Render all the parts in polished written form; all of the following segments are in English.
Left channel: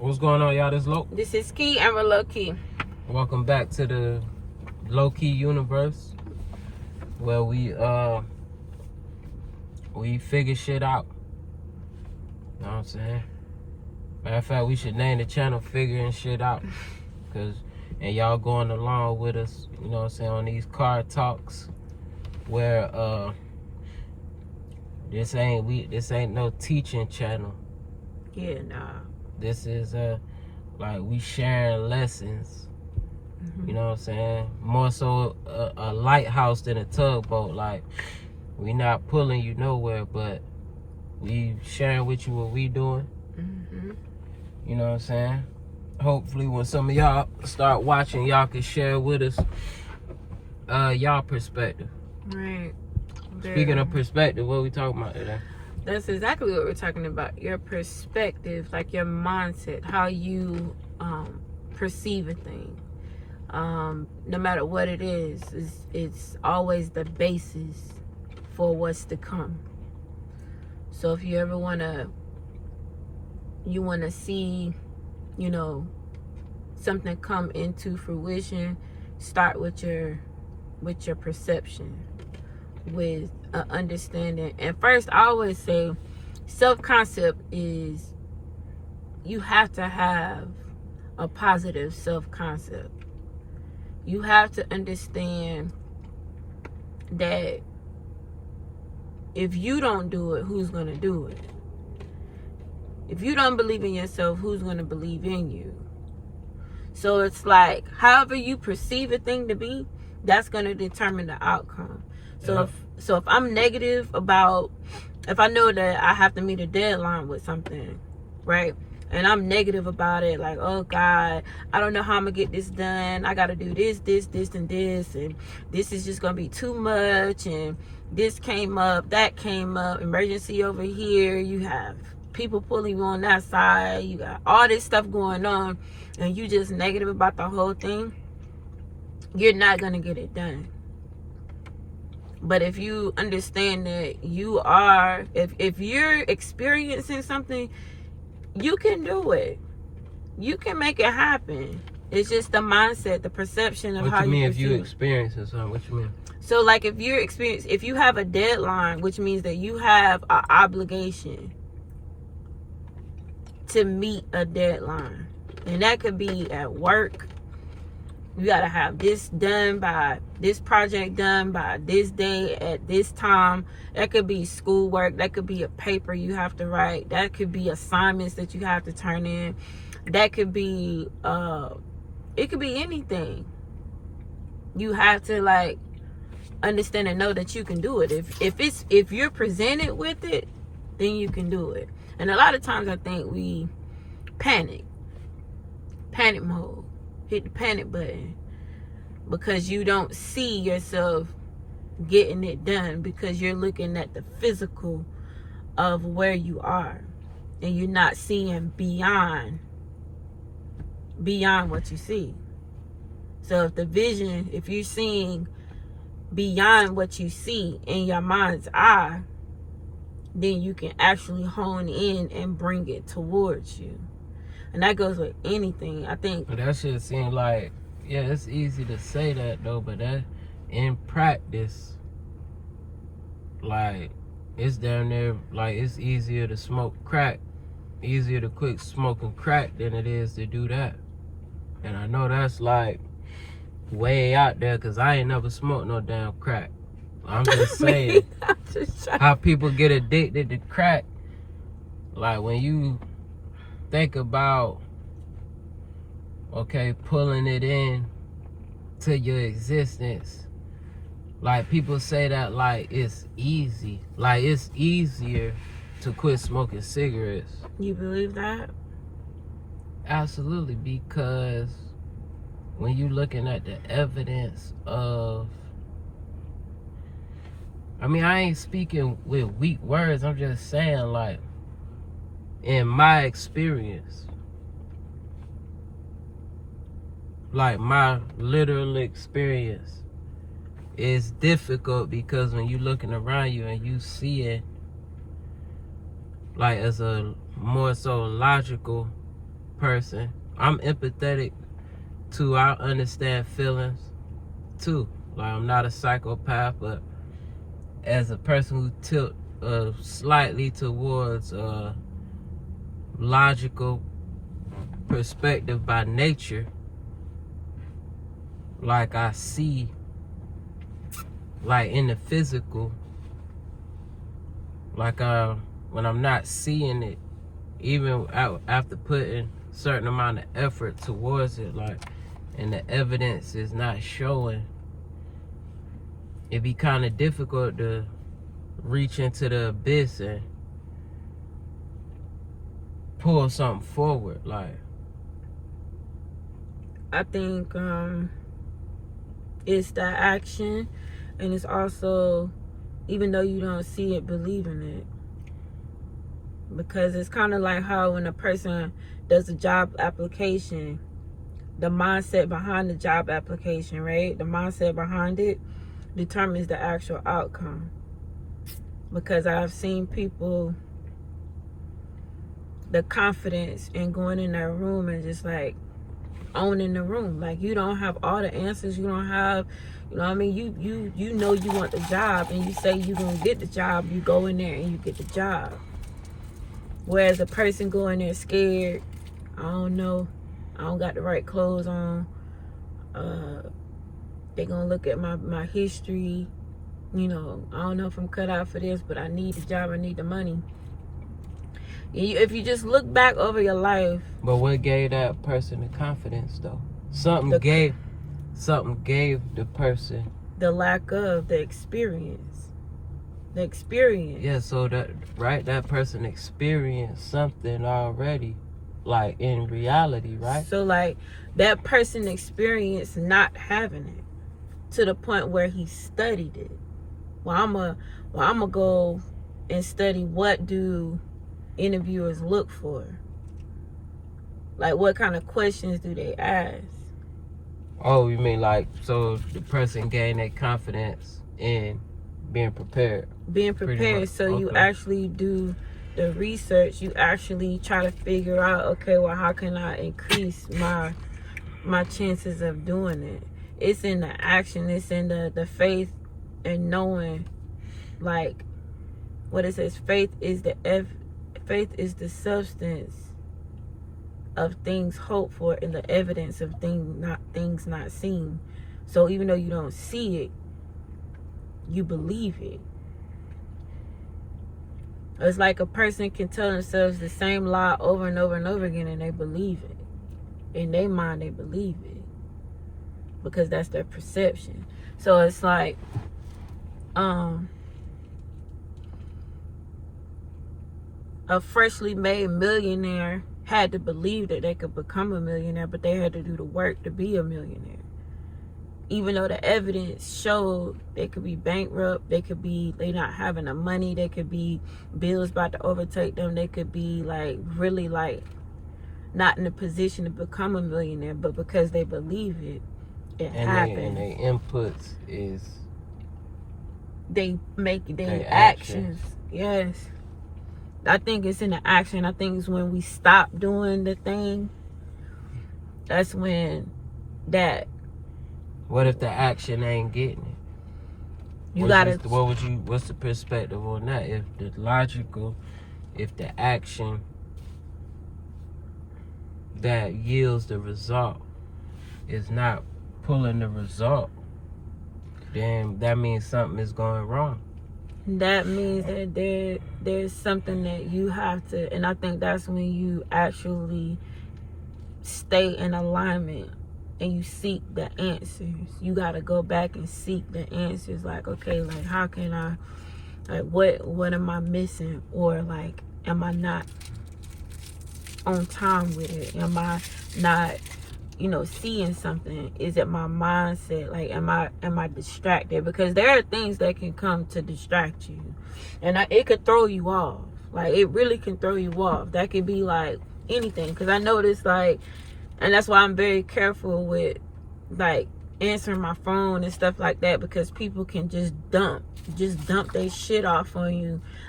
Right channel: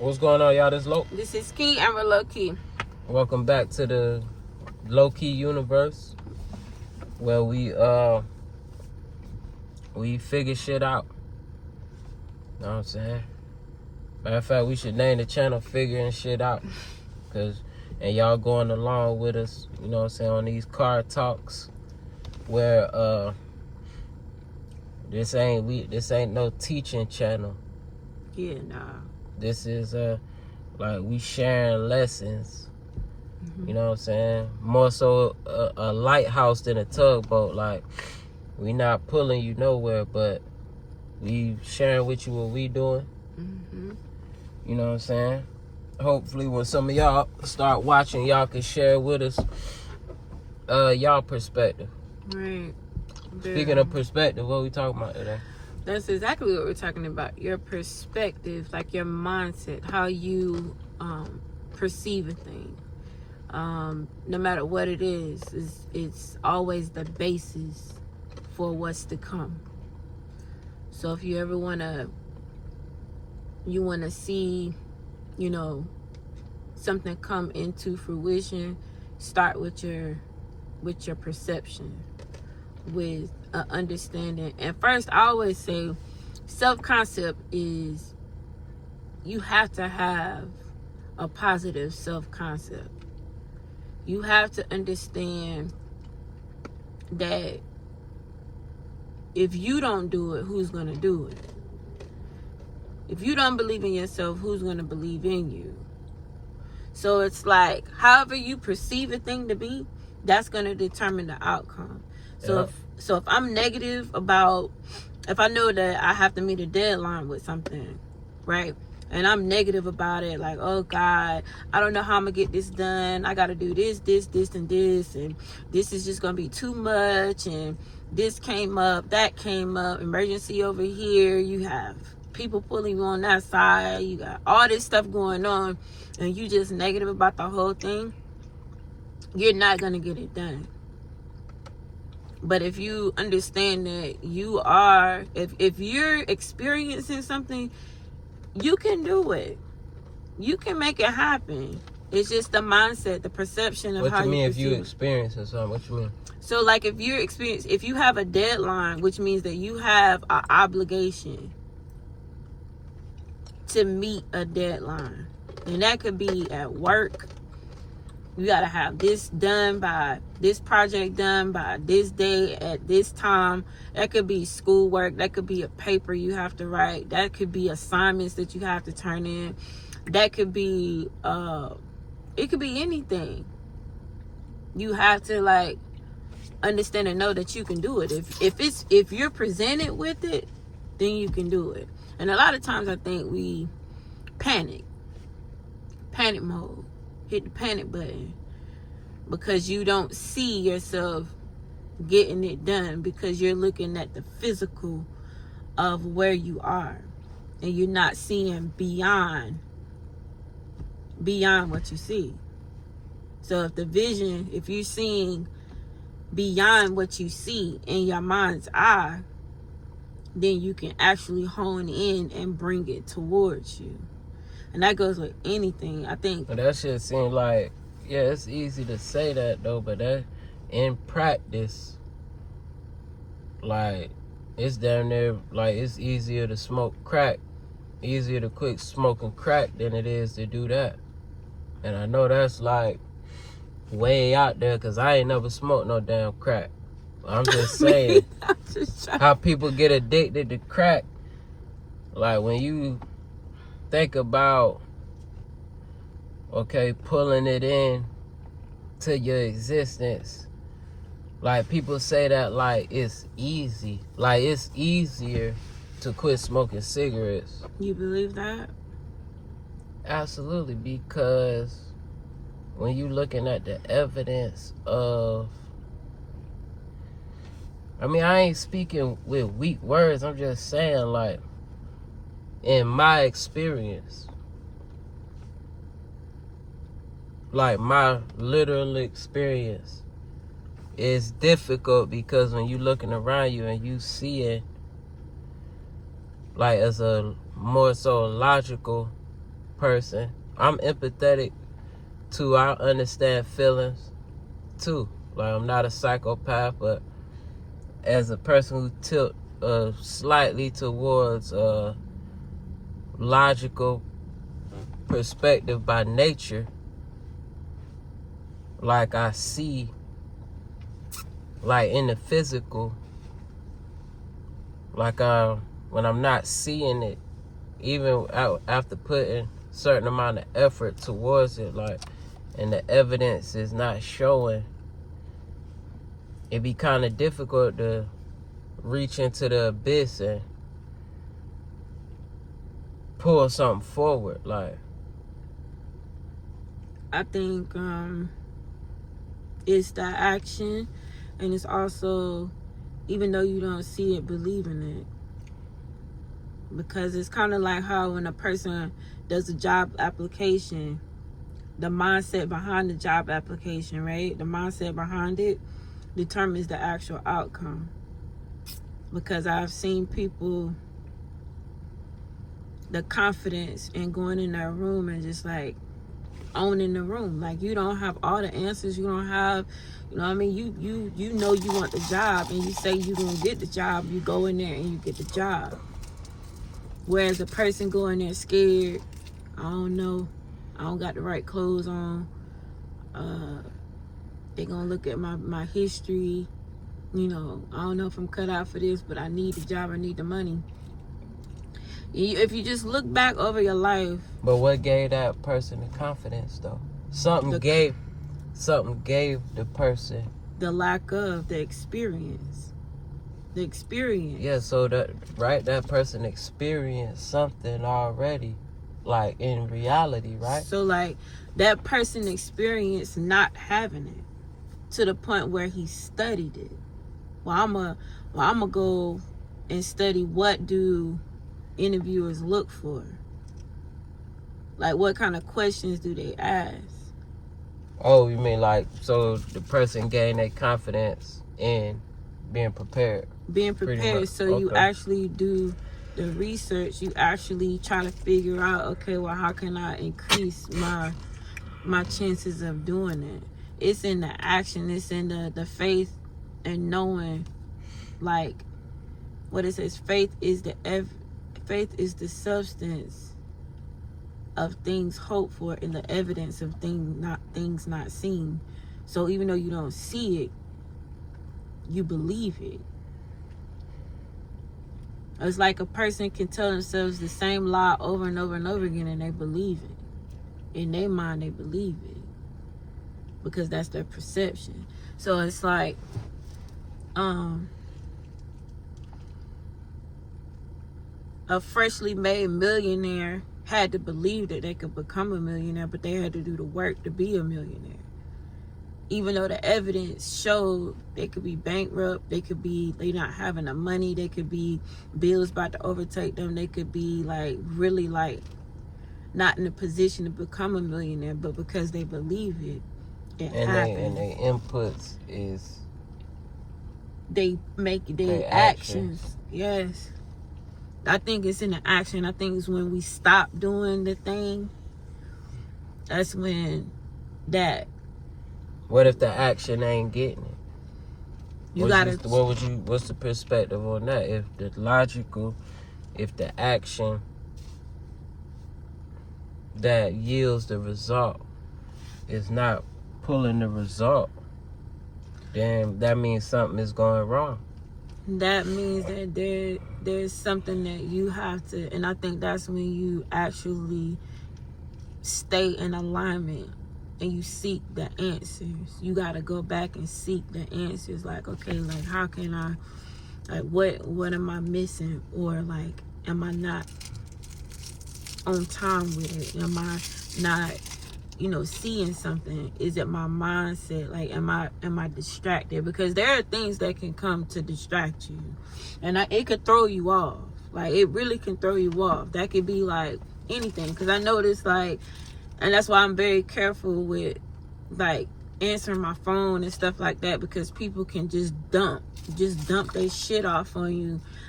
What's going on, y'all? This is Key, and we're Lo&Kee. Welcome back to the Lo&Kee universe, where we figure shit out. You know what I'm saying? Matter of fact, we should name the channel Figuring Shit Out. And y'all going along with us, you know what I'm saying, on these car talks where this ain't no teaching channel. Yeah, nah. This is like we sharing lessons. You know what I'm saying? More so a lighthouse than a tugboat. Like, we not pulling you nowhere, but we sharing with you what we doing. You know what I'm saying? Hopefully when some of y'all start watching, y'all can share with us y'all perspective. Right. Speaking of perspective, what are we talking about today? That's exactly what we're talking about. Your perspective, like your mindset, how you perceive a thing. No matter what it is, it's always the basis for what's to come. So if you ever wanna see, you know, something come into fruition, start with your perception, with an understanding. And first, I always say, self-concept is, you have to have a positive self-concept. You have to understand that if you don't do it, who's going to do it? If you don't believe in yourself, who's going to believe in you? So it's like, however you perceive a thing to be, that's going to determine the outcome. So if I'm negative about, if I know that I have to meet a deadline with something, right? And I'm negative about it, like, oh God, I don't know how I'm gonna get this done. I gotta do this, and this is just gonna be too much, and this came up, that came up, emergency over here, you have people pulling you on that side, you got all this stuff going on, and you just negative about the whole thing, you're not gonna get it done. But if you understand that you are, if you're experiencing something, you can do it. You can make it happen. It's just the mindset, the perception of how you mean. If you experiencing something, what you mean? So like if you have a deadline, which means that you have an obligation to meet a deadline. And that could be at work. You gotta have this done by this project done by this day at this time. That could be schoolwork. That could be a paper you have to write. That could be assignments that you have to turn in. That could be it could be anything. You have to like understand and know that you can do it. If you're presented with it, then you can do it. And a lot of times I think we panic mode. Hit the panic button because you don't see yourself getting it done, because you're looking at the physical of where you are and you're not seeing beyond what you see. So if you're seeing beyond what you see in your mind's eye, then you can actually hone in and bring it towards you. And that goes with anything, I think. But that shit seems like, yeah, it's easy to say that though, but that in practice, like, it's damn near, like, it's easier to smoke crack, easier to quit smoking crack than it is to do that. And I know that's like way out there, because I ain't never smoked no damn crack. I'm just saying, how people get addicted to crack. Like, when you think about, okay, pulling it in to your existence, like, people say that like it's easy, like it's easier to quit smoking cigarettes. You believe that? Absolutely, because when you looking at the evidence of, I mean, I ain't speaking with weak words, I'm just saying, like, in my experience, like my literal experience, is difficult because when you looking around you and you see it like as a more so logical person. I'm empathetic too. I understand feelings too. Like, I'm not a psychopath, but as a person who tilt slightly towards logical perspective by nature, like I see, like in the physical, like when I'm not seeing it, even after putting certain amount of effort towards it, like, and the evidence is not showing, it'd be kind of difficult to reach into the abyss and pull something forward. Like, I think it's that action, and it's also, even though you don't see it, believing it. Because it's kind of like how when a person does a job application, the mindset behind the job application, right? The mindset behind it determines the actual outcome. Because I've seen people, the confidence in going in that room and just like owning the room. Like, you don't have all the answers. You don't have, you know what I mean? You know you want the job, and you say you're going to get the job. You go in there and you get the job. Whereas a person going there scared, I don't know, I don't got the right clothes on. They gonna look at my history. You know, I don't know if I'm cut out for this, but I need the job, I need the money. If you just look back over your life. But what gave that person the confidence though? Something gave the person the lack of the experience. The experience. Yeah, so that person experienced something already, like in reality, right? So like that person experienced not having it to the point where he studied it. Well, I'm gonna go and study, what do interviewers look for? Like, what kind of questions do they ask? Oh, you mean like, so the person gained that confidence in being prepared. Being prepared, so okay. You actually do the research. You actually try to figure out, okay, well, how can I increase my chances of doing it? It's in the action. It's in the faith and knowing, like what it says. Faith is the substance of things hoped for and the evidence of things not seen. So even though you don't see it, you believe it. It's like a person can tell themselves the same lie over and over and over again, and they believe it. In their mind, they believe it because that's their perception. So it's like a freshly made millionaire had to believe that they could become a millionaire, but they had to do the work to be a millionaire. Even though the evidence showed they could be bankrupt, they not having the money, they could be bills about to overtake them, they could be like really like not in a position to become a millionaire, but because they believe it happened. And their inputs is they make their actions. Yes. I think it's in the action. I think it's when we stop doing the thing, that's when that. What if the action ain't getting it? What's the perspective on that? If the action that yields the result is not pulling the result, then that means something is going wrong. That means that there's something that you have to, and I think that's when you actually stay in alignment and you seek the answers. You got to go back and seek the answers. Like, okay, like how can I, like what am I missing? Or like, am I not on time with it? Am I not, seeing something? Is it my mindset? Like, am I distracted? Because there are things that can come to distract you, and it could throw you off. Like, it really can throw you off. That could be like anything. Because I noticed, like, and that's why I'm very careful with like answering my phone and stuff like that, because people can just dump their shit off on you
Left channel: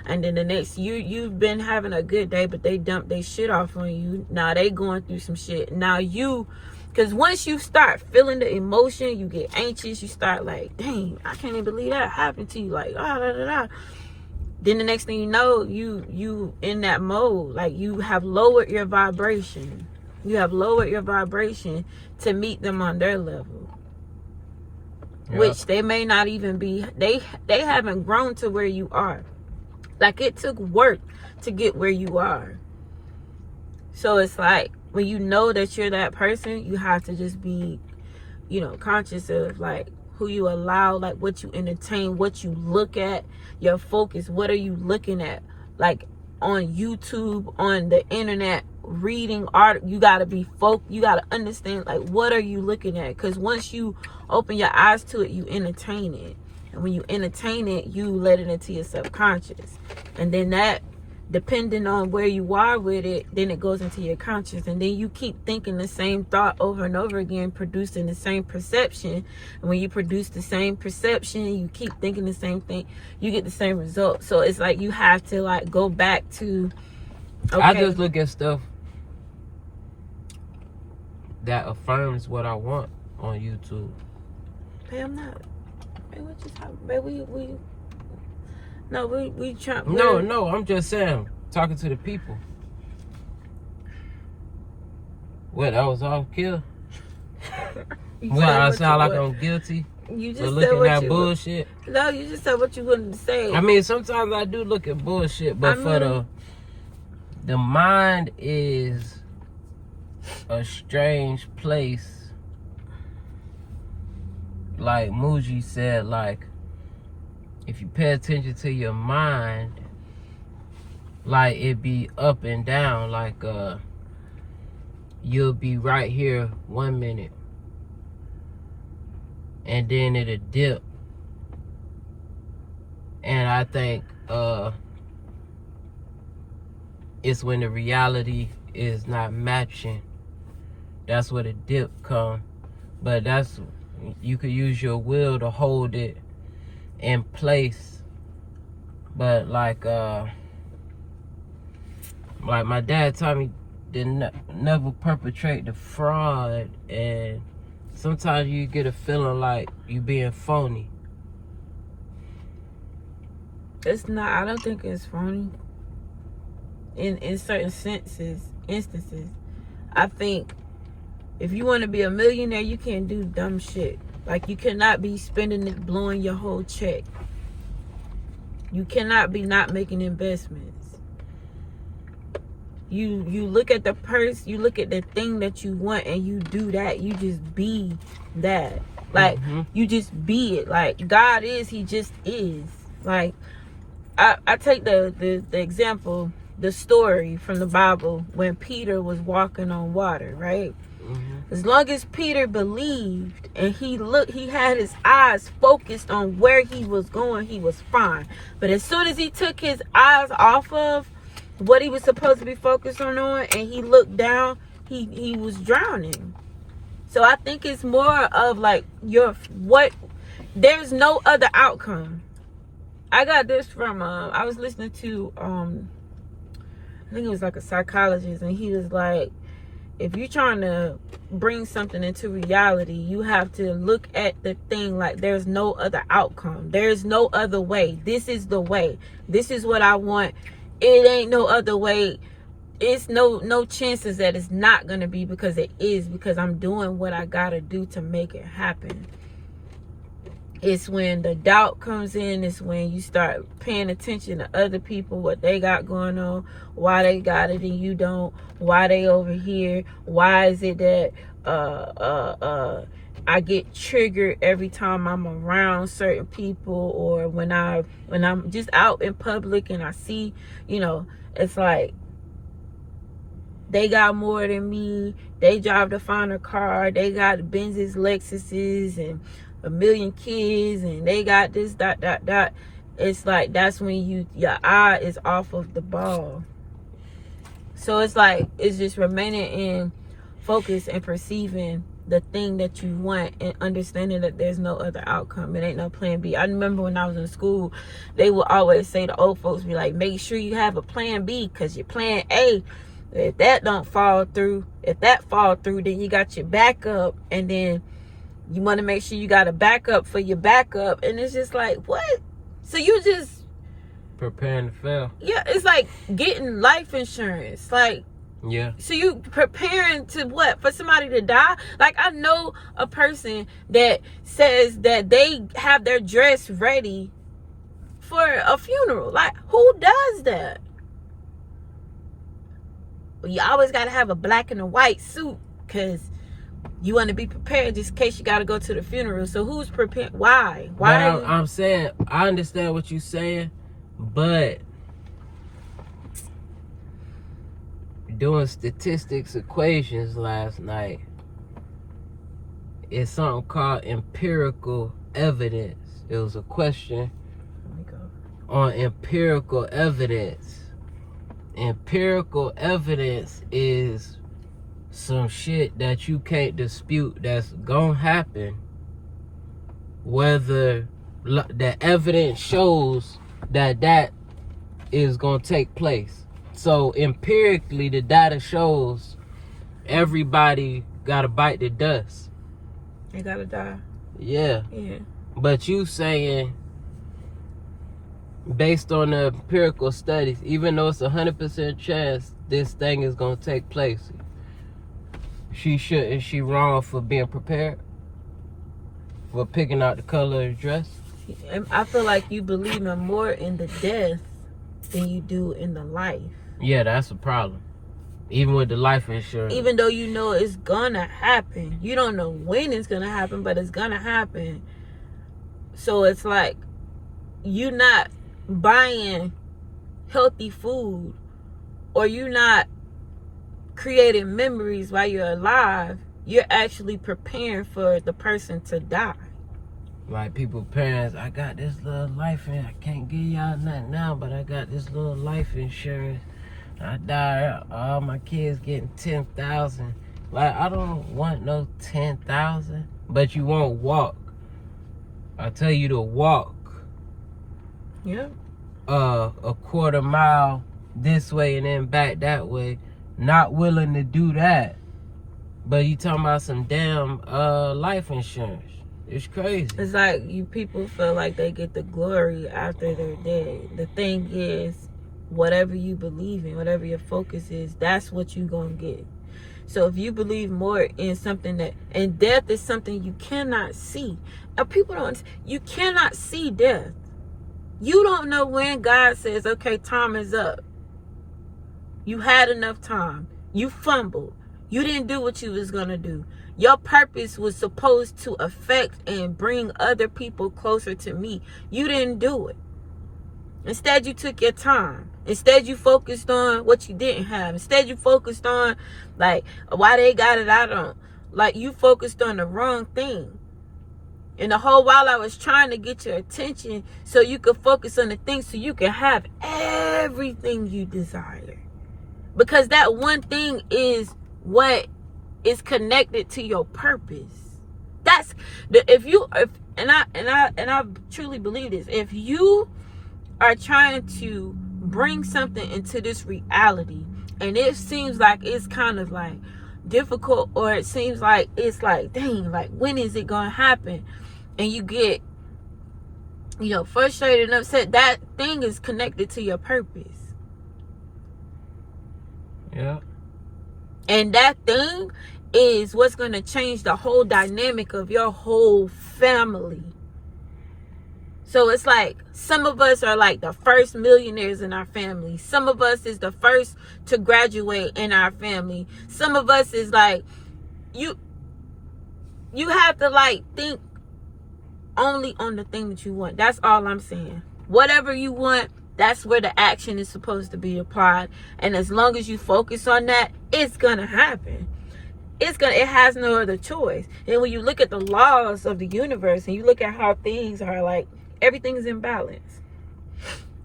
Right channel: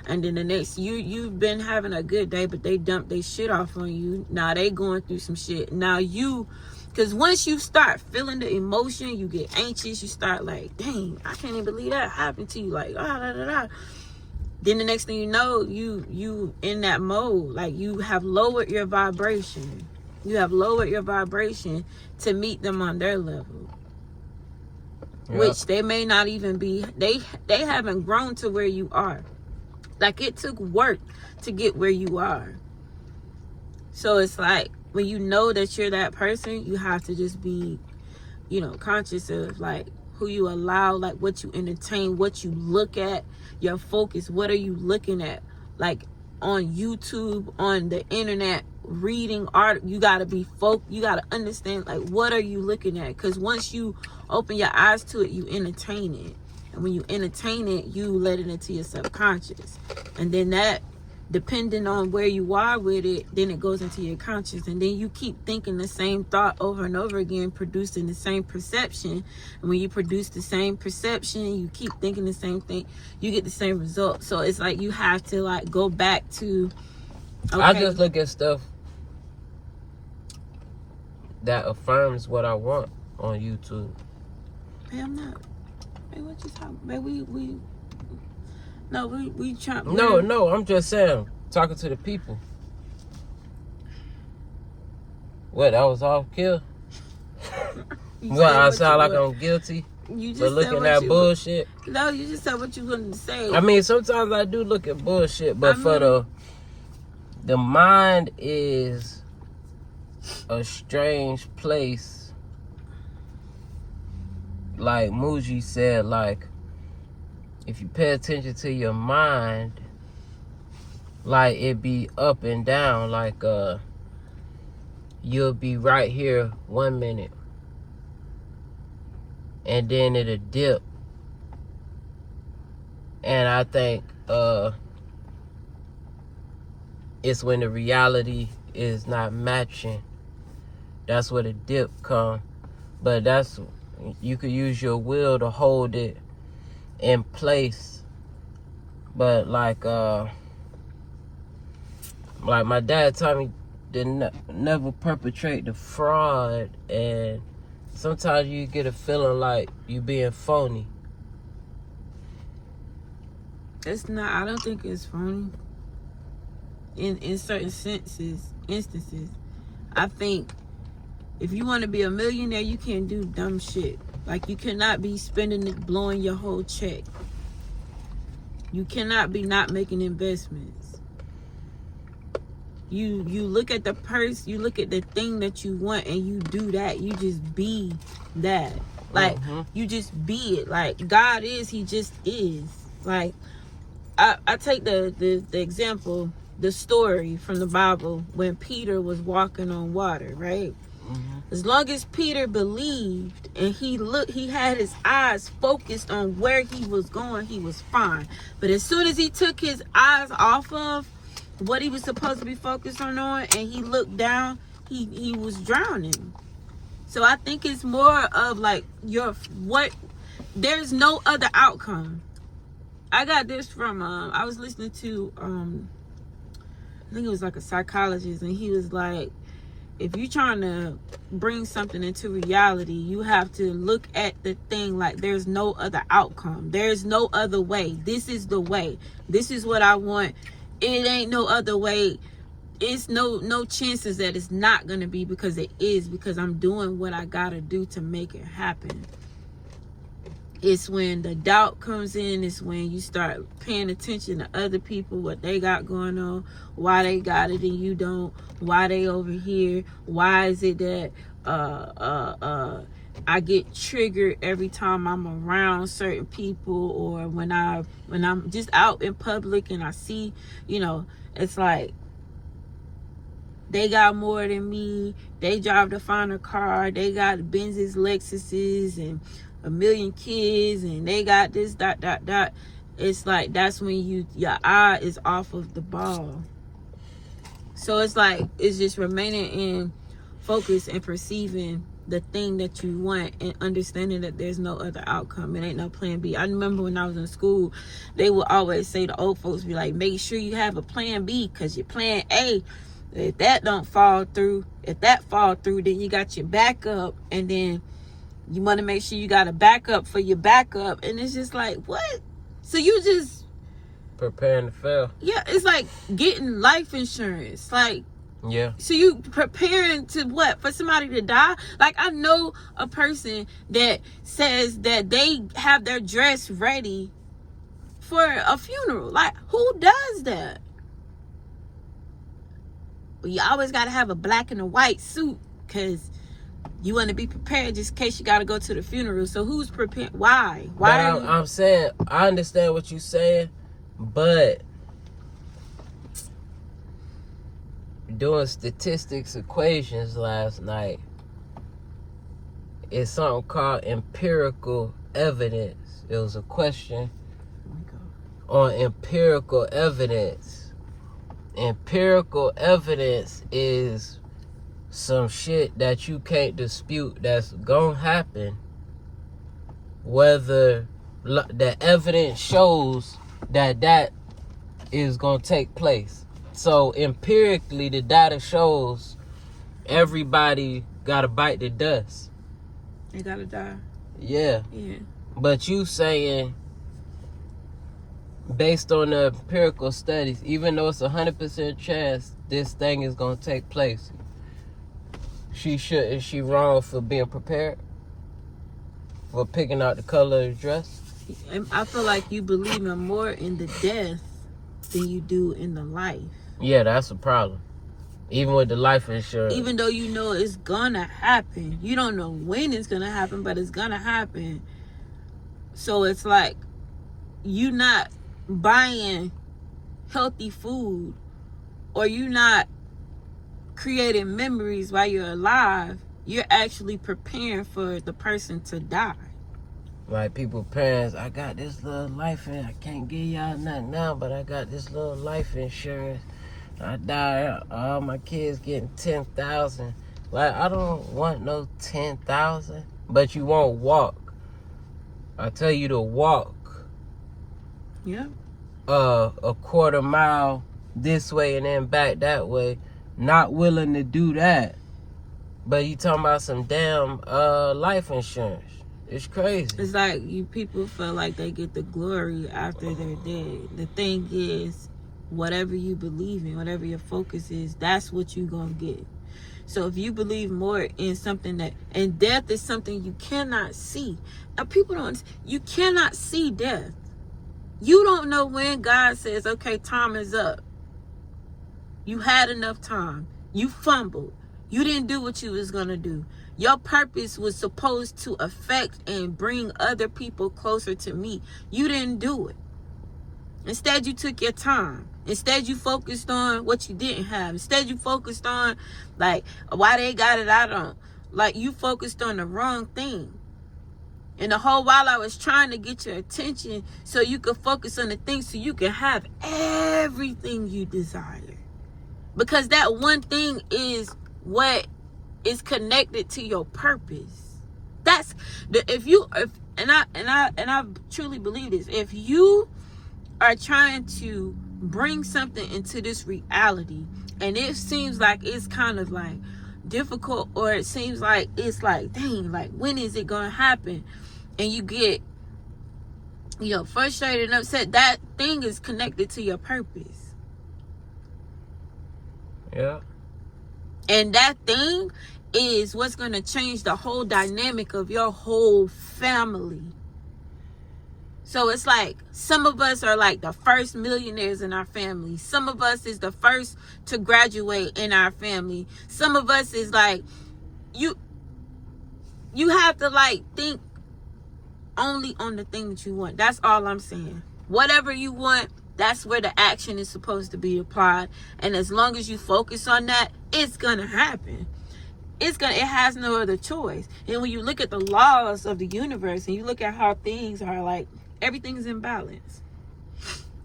and then the next you've been having a good day, but they dump their shit off on you. Now they going through some shit. Now because once you start feeling the emotion, you get anxious. You start like, dang, I can't even believe that happened to you. Like, then the next thing you know, you in that mode. Like, you have lowered your vibration. You have lowered your vibration to meet them on their level. Yep. Which they may not even be. They haven't grown to where you are. Like, it took work to get where you are. So it's like, when you know that you're that person, you have to just be, conscious of like who you allow, like what you entertain, what you look at, your focus. What are you looking at? Like on YouTube, on the internet, reading art, you gotta be focused. You gotta understand, like, what are you looking at? Because once you open your eyes to it, you entertain it. And when you entertain it, you let it into your subconscious. And then that, depending on where you are with it, then it goes into your conscious, and then you keep thinking the same thought over and over again, producing the same perception. And when you produce the same perception, you keep thinking the same thing, you get the same result. So it's like you have to like go back to, okay. I just look at stuff that affirms what I want on YouTube. Hey, I'm not. Hey, what you talking about? We trying. No, I'm just saying, talking to the people. What, that was off kill? What, I sound like I'm guilty for looking at bullshit? No, you just said what you wanted to say. I mean, sometimes I do look at bullshit, but for the mind is a strange place. Like Muji said, like, if you pay attention to your mind, like, it be up and down. Like, you'll be right here 1 minute, and then it'll dip. And I think it's when the reality is not matching. That's where the dip come. But you could use your will to hold it in place. But like my dad told me to never perpetrate the fraud, and sometimes you get a feeling like you being phony. It's not. I don't think it's phony. In certain instances, I think if you want to be a millionaire, you can't do dumb shit. Like, you cannot be spending it, blowing your whole check. You cannot be not making investments. You look at the purse, you look at the thing that you want, and you do that. You just be that. Like, you just be it. Like, God is, he just is. Like, I take the example, the story from the Bible when Peter was walking on water, right? As long as Peter believed and he had his eyes focused on where he was going, he was fine. But as soon as he took his eyes off of what he was supposed to be focused on and he looked down, he was drowning. So I think it's more of like there's no other outcome. I got this from I was listening to I think it was like a psychologist, and he was like, if you're trying to bring something into reality, you have to look at the thing like there's no other outcome. There's no other way. This is the way. This is what I want. It ain't no other way. It's no chances that it's not going to be, because it is, because I'm doing what I got to do to make it happen. It's when the doubt comes in. It's when you start paying attention to other people, what they got going on, why they got it and you don't, why they over here, why is it that I get triggered every time I'm around certain people, or when I'm just out in public and I see, it's like they got more than me. They drive the finer car. They got Benzes, Lexuses, and a million kids, and they got this, dot. It's like that's when your eye is off of the ball. So it's like it's just remaining in focus and perceiving the thing that you want, and understanding that there's no other outcome. It ain't no plan B. I remember when I was in school, they would always say, the old folks be like, make sure you have a plan B, because your plan A, if that don't fall through, if that fall through, then you got your backup, and then you want to make sure you got a backup for your backup. And it's just like, what? So you just preparing to fail. Yeah, it's like getting life insurance. Like, yeah. So you preparing to what? For somebody to die? Like, I know a person that says that they have their dress ready for a funeral. Like, who does that? Well, you always got to have a black and a white suit, because you want to be prepared just in case you got to go to the funeral. So who's prepared? Why? I'm saying, I understand what you're saying, but doing statistics equations last night, it's something called empirical evidence. It was a question on empirical evidence. Empirical evidence is some shit that you can't dispute that's gonna happen, whether the evidence shows that is gonna take place. So empirically, the data shows everybody gotta bite the dust. They gotta die. Yeah. Yeah. But you saying, based on the empirical studies, even though it's 100% chance this thing is gonna take place, is she wrong for being prepared? For picking out the color of the dress? I feel like you believe more in the death than you do in the life. Yeah, that's a problem. Even with the life insurance. Even though you know it's gonna happen. You don't know when it's gonna happen, but it's gonna happen. So it's like, you not buying healthy food, or you not creating memories while you're alive. You're actually preparing for the person to die. Like people, parents, I got this little life insurance. I can't give y'all nothing now, but I got this little life insurance. I die, all my kids getting 10,000. Like, I don't want no 10,000, but you won't walk. I tell you to walk. Yeah. A quarter mile this way and then back that way. Not willing to do that. But you talking about some damn life insurance. It's crazy. It's like you people feel like they get the glory after they're dead. The thing is, whatever you believe in, whatever your focus is, that's what you gonna get. So if you believe more in something that, and death is something you cannot see. People don't, you cannot see death. You don't know when God says, okay, time is up. You had enough time. You fumbled. You didn't do what you was gonna do. Your purpose was supposed to affect and bring other people closer to me. You didn't do it. Instead, you took your time. Instead, you focused on what you didn't have. Instead, you focused on, like, why they got it, I don't. Like, you focused on the wrong thing. And the whole while I was trying to get your attention so you could focus on the things so you could have everything you desire. Because that one thing is what is connected to your purpose. That's the, and I truly believe this. If you are trying to bring something into this reality, and it seems like it's kind of like difficult, or it seems like it's like, dang, like, when is it gonna happen? And you get, frustrated and upset. That thing is connected to your purpose. Yeah. And that thing is what's going to change the whole dynamic of your whole family. So it's like, some of us are like the first millionaires in our family. Some of us is the first to graduate in our family. Some of us is like, you have to like think only on the thing that you want. That's all I'm saying. Whatever you want, that's where the action is supposed to be applied. And as long as you focus on that, it's gonna happen. It has no other choice. And when you look at the laws of the universe and you look at how things are, like, everything's in balance.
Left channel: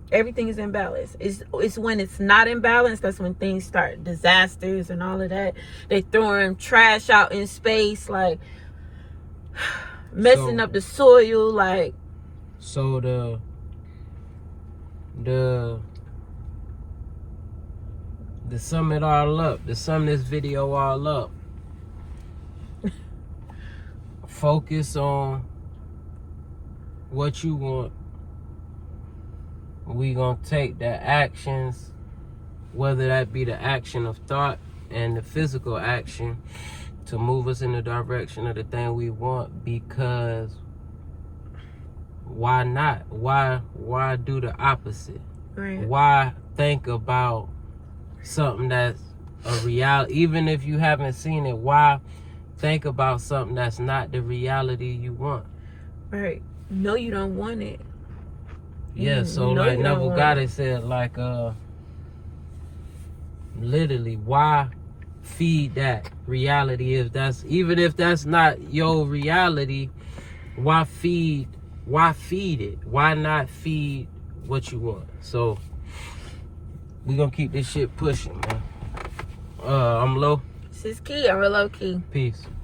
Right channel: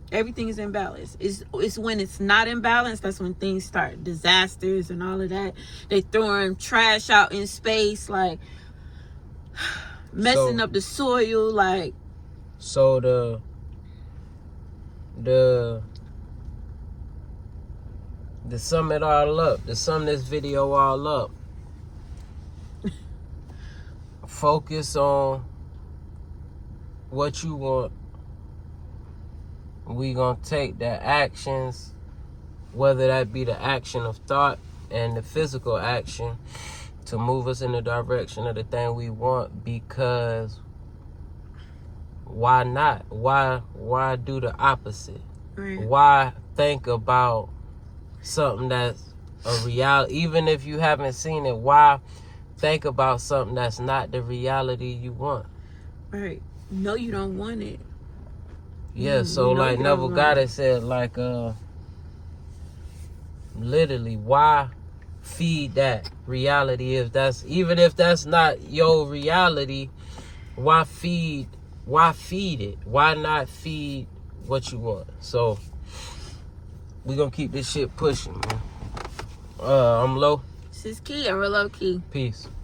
Everything is in balance. It's when it's not in balance, that's when things start, disasters and all of that. They throwing trash out in space, like messing up the soil, like. So to sum it all up, to sum this video all up, focus on what you want. We gonna take the actions, whether that be the action of thought and the physical action, to move us in the direction of the thing we want. Because why not? Why do the opposite? Right. Why think about something that's a reality? Even if you haven't seen it, why think about something that's not the reality you want? Right. No, you don't want it. Yeah, so like Neville Goddard said, like literally, why feed that reality even if that's not your reality? Why feed it? Why not feed what you want? So we gonna keep this shit pushing, man. I'm Lo. This is Key. I'm Lo&Kee. Peace.